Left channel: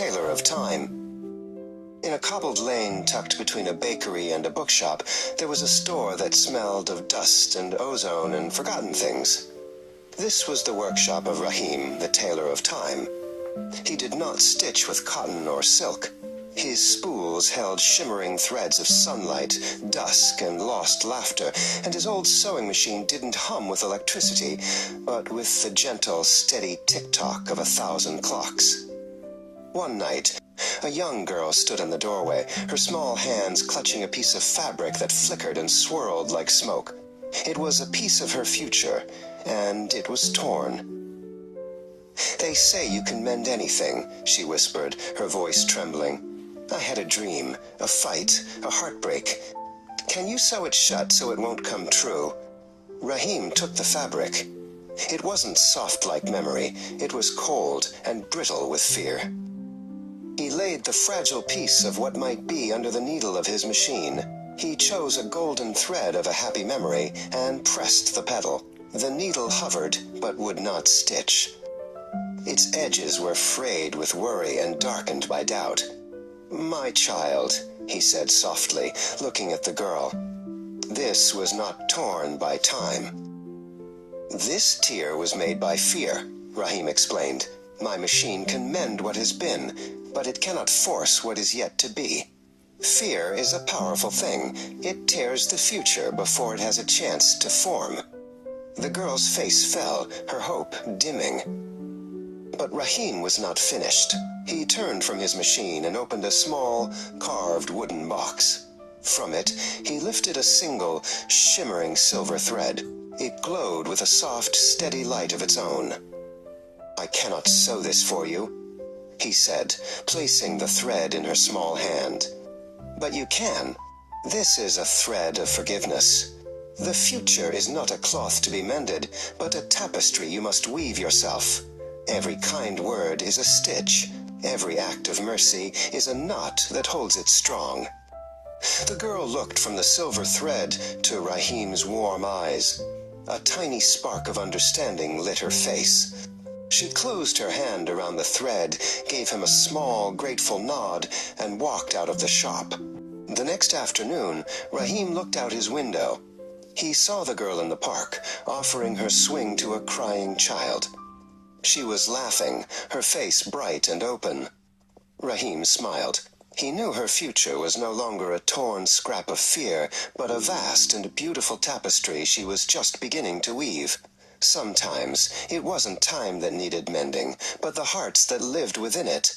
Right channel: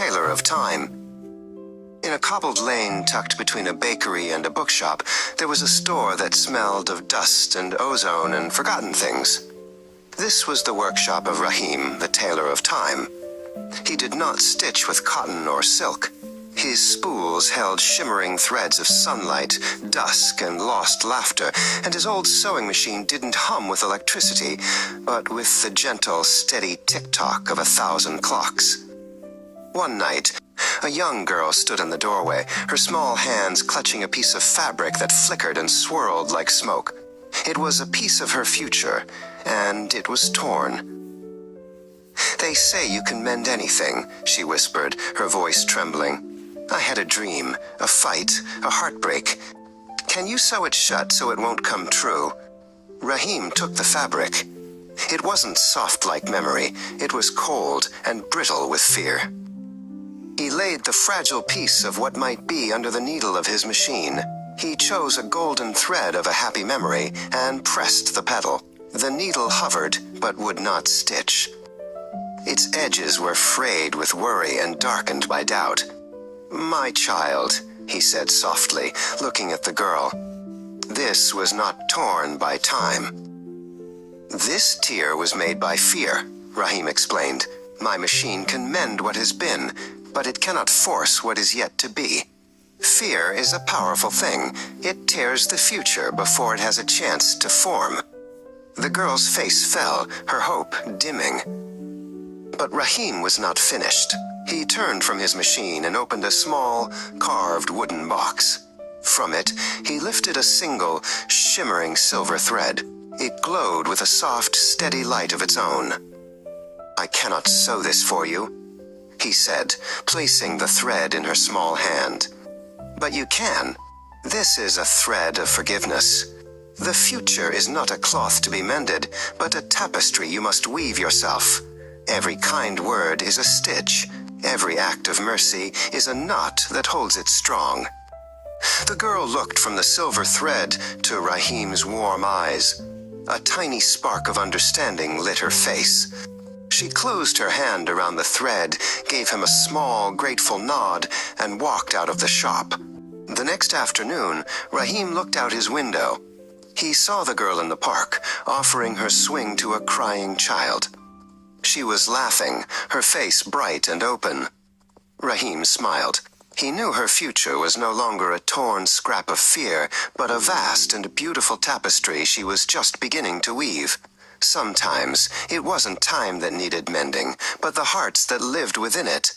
Tailor of Time. In a cobbled lane tucked between a bakery and a bookshop, there was a store that smelled of dust and ozone and forgotten things. This was the workshop of Rahim, the Tailor of Time. He did not stitch with cotton or silk. His spools held shimmering threads of sunlight, dusk, and lost laughter, and his old sewing machine didn't hum with electricity, but with the gentle, steady tick-tock of 1,000 clocks. One night, a young girl stood in the doorway, her small hands clutching a piece of fabric that flickered and swirled like smoke. It was a piece of her future, and it was torn. "They say you can mend anything," she whispered, her voice trembling. "I had a dream, a fight, a heartbreak. Can you sew it shut so it won't come true?" Rahim took the fabric. It wasn't soft like memory. It was cold and brittle with fear. He laid the fragile piece of what might be under the needle of his machine. He chose a golden thread of a happy memory and pressed the pedal. The needle hovered, but would not stitch. Its edges were frayed with worry and darkened by doubt. "My child," he said softly, looking at the girl. "This was not torn by time." "This tear was made by fear," Rahim explained. "My machine can mend what has been, but it cannot force what is yet to be. Fear is a powerful thing. It tears the future before it has a chance to form." The girl's face fell, her hope dimming. But Rahim was not finished. He turned from his machine and opened a small, carved wooden box. From it, he lifted a single, shimmering silver thread. It glowed with a soft, steady light of its own. "I cannot sew this for you," he said, placing the thread in her small hand. "But you can. This is a thread of forgiveness. The future is not a cloth to be mended, but a tapestry you must weave yourself. Every kind word is a stitch. Every act of mercy is a knot that holds it strong." The girl looked from the silver thread to Rahim's warm eyes. A tiny spark of understanding lit her face. She closed her hand around the thread, gave him a small, grateful nod, and walked out of the shop. The next afternoon, Rahim looked out his window. He saw the girl in the park, offering her swing to a crying child. She was laughing, her face bright and open. Rahim smiled. He knew her future was no longer a torn scrap of fear, but a vast and beautiful tapestry she was just beginning to weave. Sometimes it wasn't time that needed mending, but the hearts that lived within it.